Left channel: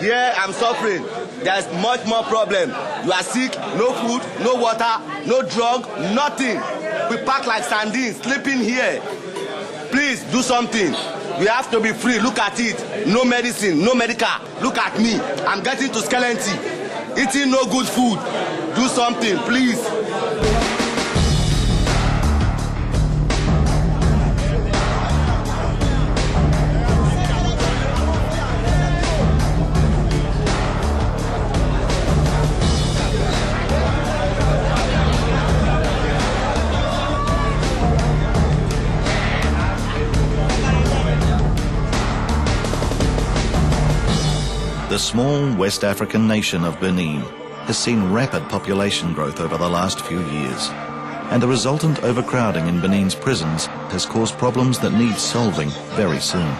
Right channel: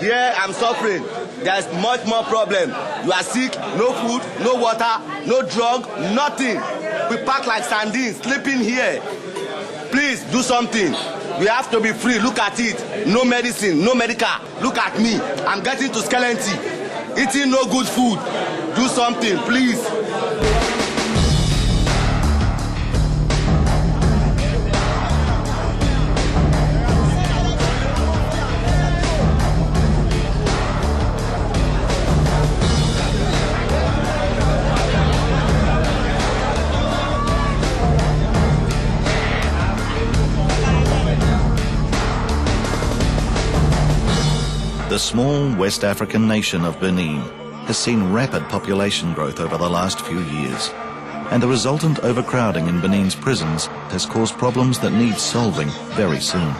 Here I'm suffering. There's much more problem. You are sick, no food, no water, no drug, nothing. We pack like sardines, sleeping here. Please do something. We have to be free. Look at it. No medicine, no medical. Look at me. I'm getting to skeleton. Eating no good food. Do something, please. The small West African nation of Benin has seen rapid population growth over the last few years, and the resultant overcrowding in Benin's prisons has caused problems that need solving very soon.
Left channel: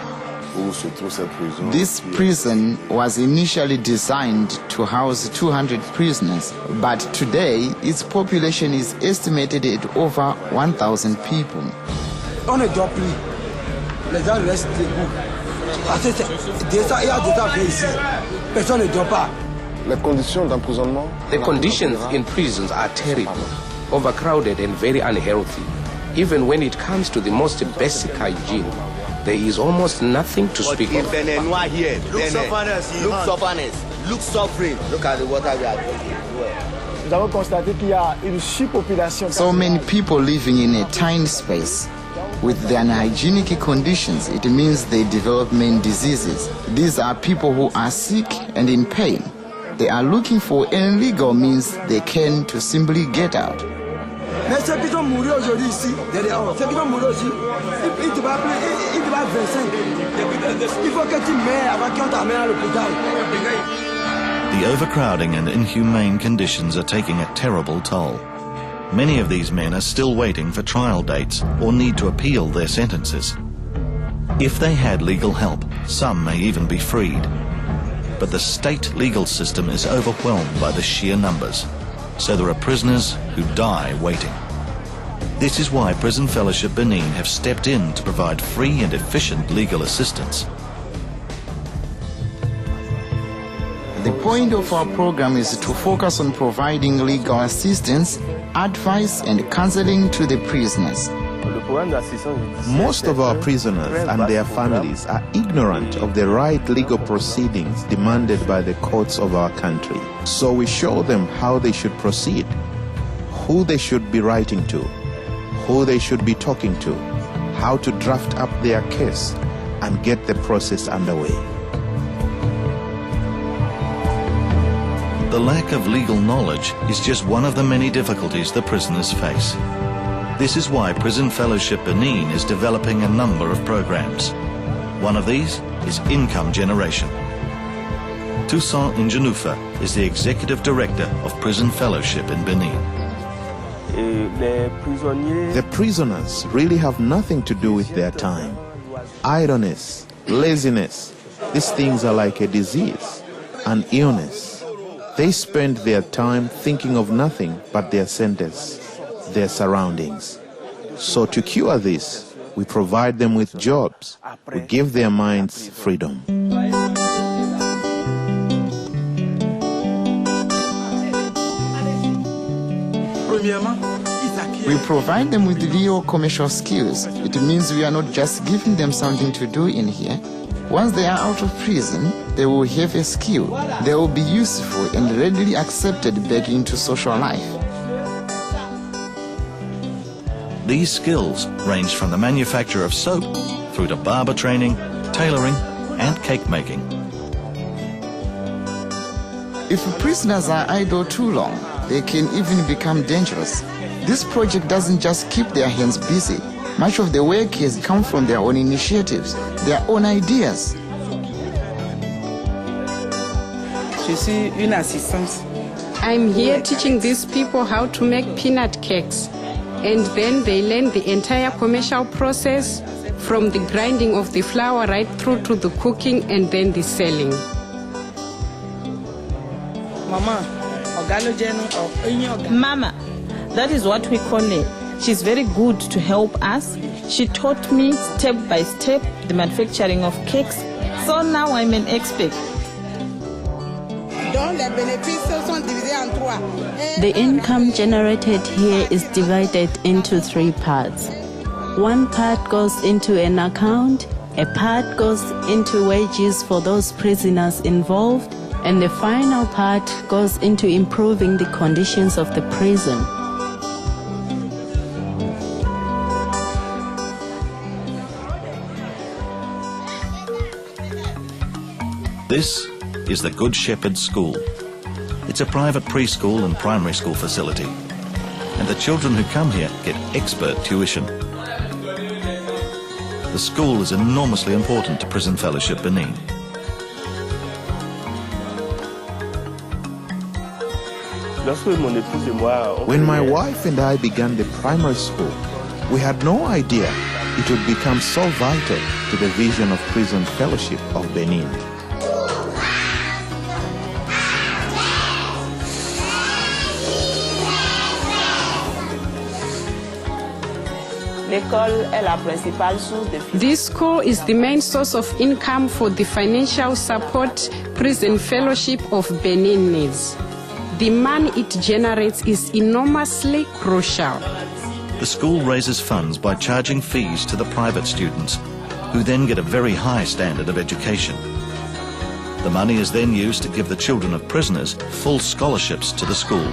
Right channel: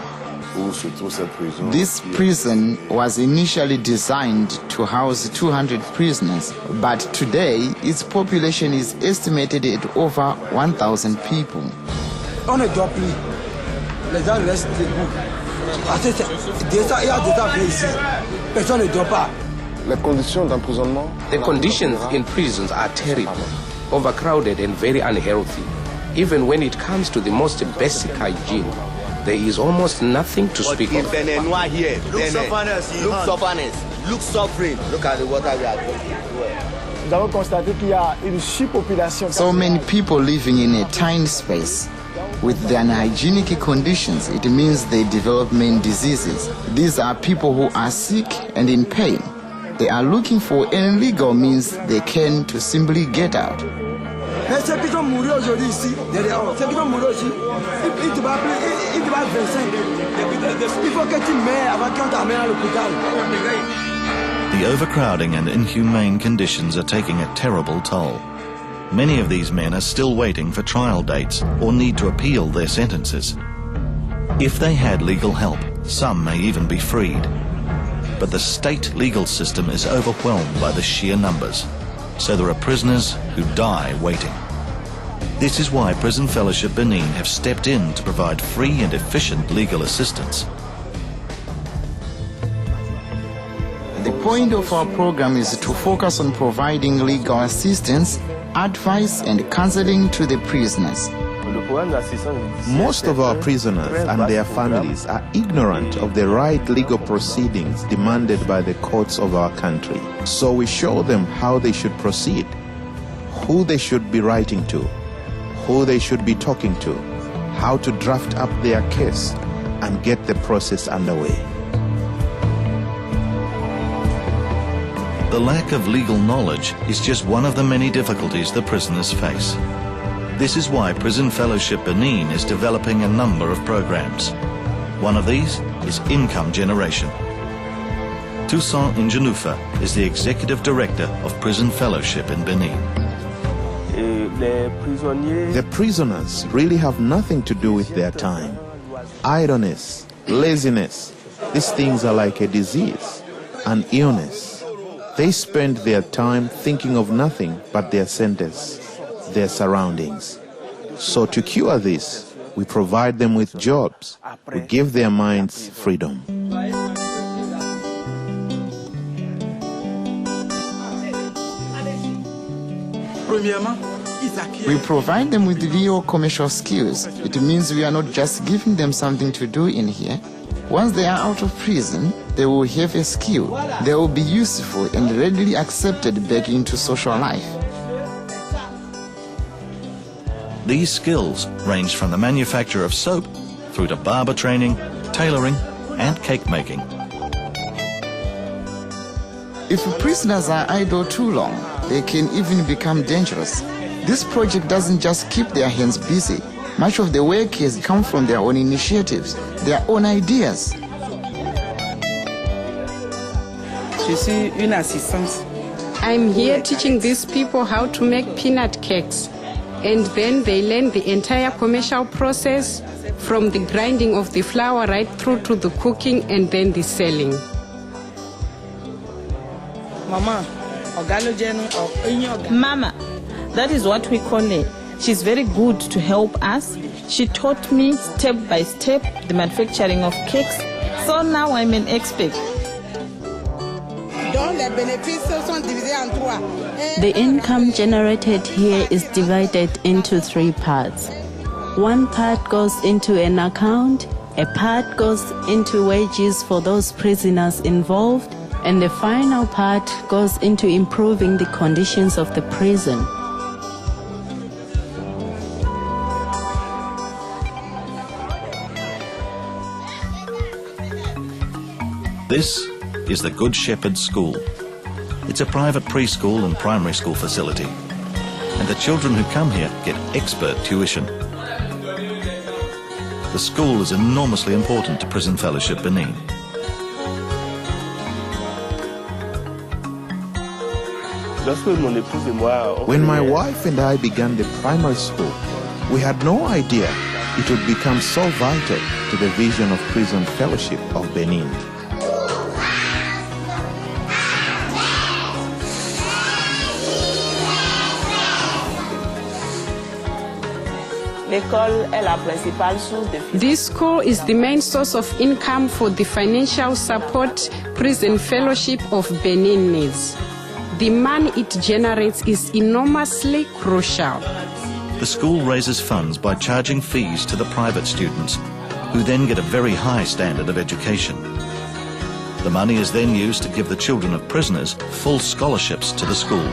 This prison was initially designed to house 200 prisoners, but today its population is estimated at over 1,000 people. On est pris, les gens restent debout. The conditions in prisons are terrible, overcrowded and very unhealthy. Even when it comes to the most basic hygiene, there is almost nothing to speak of. Look suffering. Look at the water we are drinking. So many people living in a tiny space. With their unhygienic conditions, it means they develop many diseases. These are people who are sick and in pain. They are looking for any legal means they can to simply get out. The overcrowding and inhumane conditions are taking a terrible toll. Many of these men are still waiting for trial dates or need to appeal their sentences. If they had legal help, some may even be freed. But the state legal system is overwhelmed by the sheer numbers, so there are prisoners who die waiting. This is why Prison Fellowship Benin have stepped in to provide free and efficient legal assistance. The point of our program is to focus on providing legal assistance, advice and counseling to the prisoners. Most of our prisoners and their families are ignorant of the right legal proceedings demanded by the courts of our country. So we show them how they should proceed, who they should be writing to, who they should be talking to, how to draft up their case and get the process underway. The lack of legal knowledge is just one of the many difficulties the prisoners face. This is why Prison Fellowship Benin is developing a number of programs. One of these is income generation. Toussaint Ingenufa is the Executive Director of Prison Fellowship in Benin. The prisoners really have nothing to do with their time. Idleness, laziness, these things are like a disease, an illness. They spend their time thinking of nothing but their sentence, their surroundings. So to cure this, we provide them with jobs. We give their minds freedom. We provide them with real commercial skills. It means we are not just giving them something to do in here. Once they are out of prison, they will have a skill. They will be useful and readily accepted back into social life. These skills range from the manufacture of soap through to barber training, tailoring and cake making. If prisoners are idle too long, they can even become dangerous. This project doesn't just keep their hands busy. Much of the work has come from their own initiatives, their own ideas. I'm here teaching these people how to make peanut cakes, and then they learn the entire commercial process from the grinding of the flour right through to the cooking and then the selling. Mama, that is what we call her. She's very good to help us. She taught me step by step the manufacturing of cakes. So now I'm an expert. The income generated here is divided into 3 parts. One part goes into an account, a part goes into wages for those prisoners involved, and the final part goes into improving the conditions of the prison. This is the Good Shepherd School. It's a private preschool and primary school facility, and the children who come here get expert tuition. The school is enormously important to Prison Fellowship Benin. When my wife and I began the primary school, we had no idea it would become so vital to the vision of Prison Fellowship of Benin. This school is the main source of income for the financial support Prison Fellowship of Benin needs. The money it generates is enormously crucial. The school raises funds by charging fees to the private students, who then get a very high standard of education. The money is then used to give the children of prisoners full scholarships to the school.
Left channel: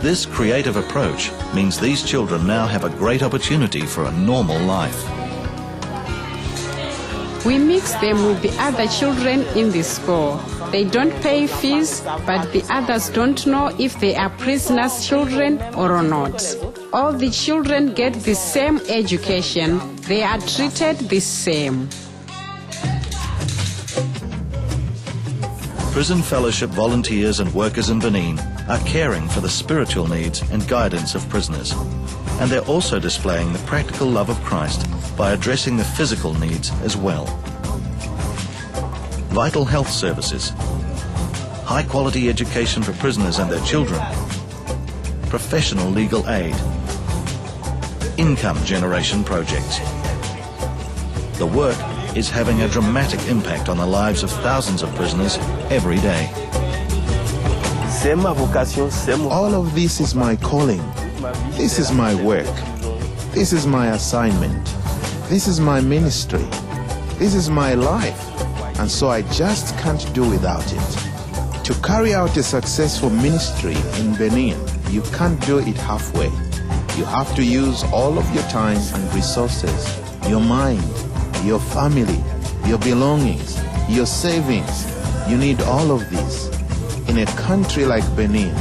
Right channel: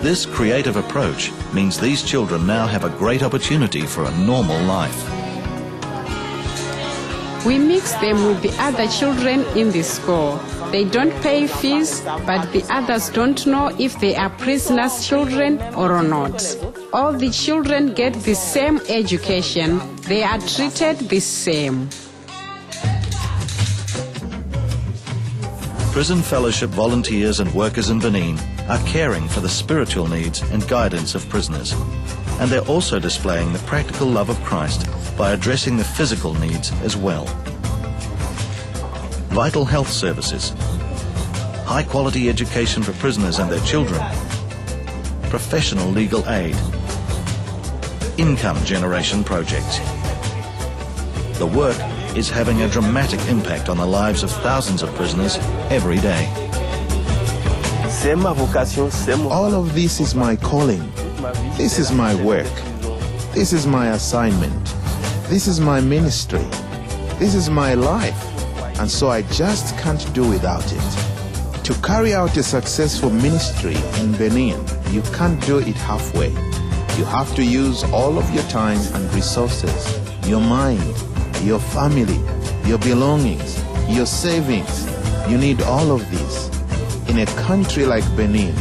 This creative approach means these children now have a great opportunity for a normal life. We mix them with the other children in the school. They don't pay fees, but the others don't know if they are prisoners' children or not. All the children get the same education. They are treated the same. Prison Fellowship volunteers and workers in Benin are caring for the spiritual needs and guidance of prisoners, and they're also displaying the practical love of Christ by addressing the physical needs as well. Vital health services, high-quality education for prisoners and their children, professional legal aid, income generation projects. The work is having a dramatic impact on the lives of thousands of prisoners every day. All of this is my calling. This is my work. This is my assignment. This is my ministry. This is my life. And so I just can't do without it. To carry out a successful ministry in Benin, you can't do it halfway. You have to use all of your time and resources, your mind, your family, your belongings, your savings. You need all of these. In a country like Benin,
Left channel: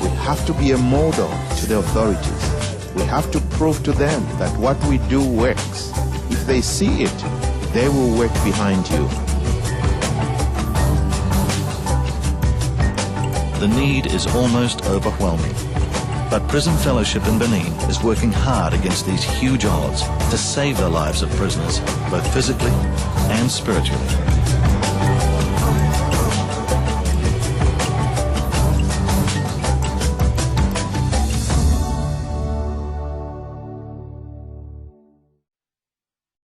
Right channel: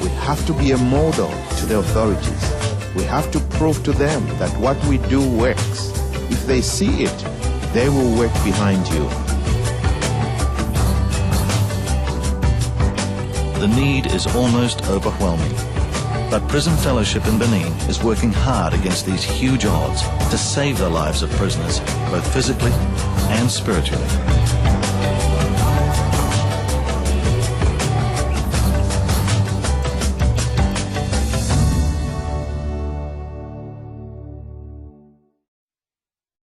we have to be a model to the authorities. We have to prove to them that what we do works. If they see it, they will work behind you. The need is almost overwhelming, but Prison Fellowship in Benin is working hard against these huge odds to save the lives of prisoners, both physically and spiritually.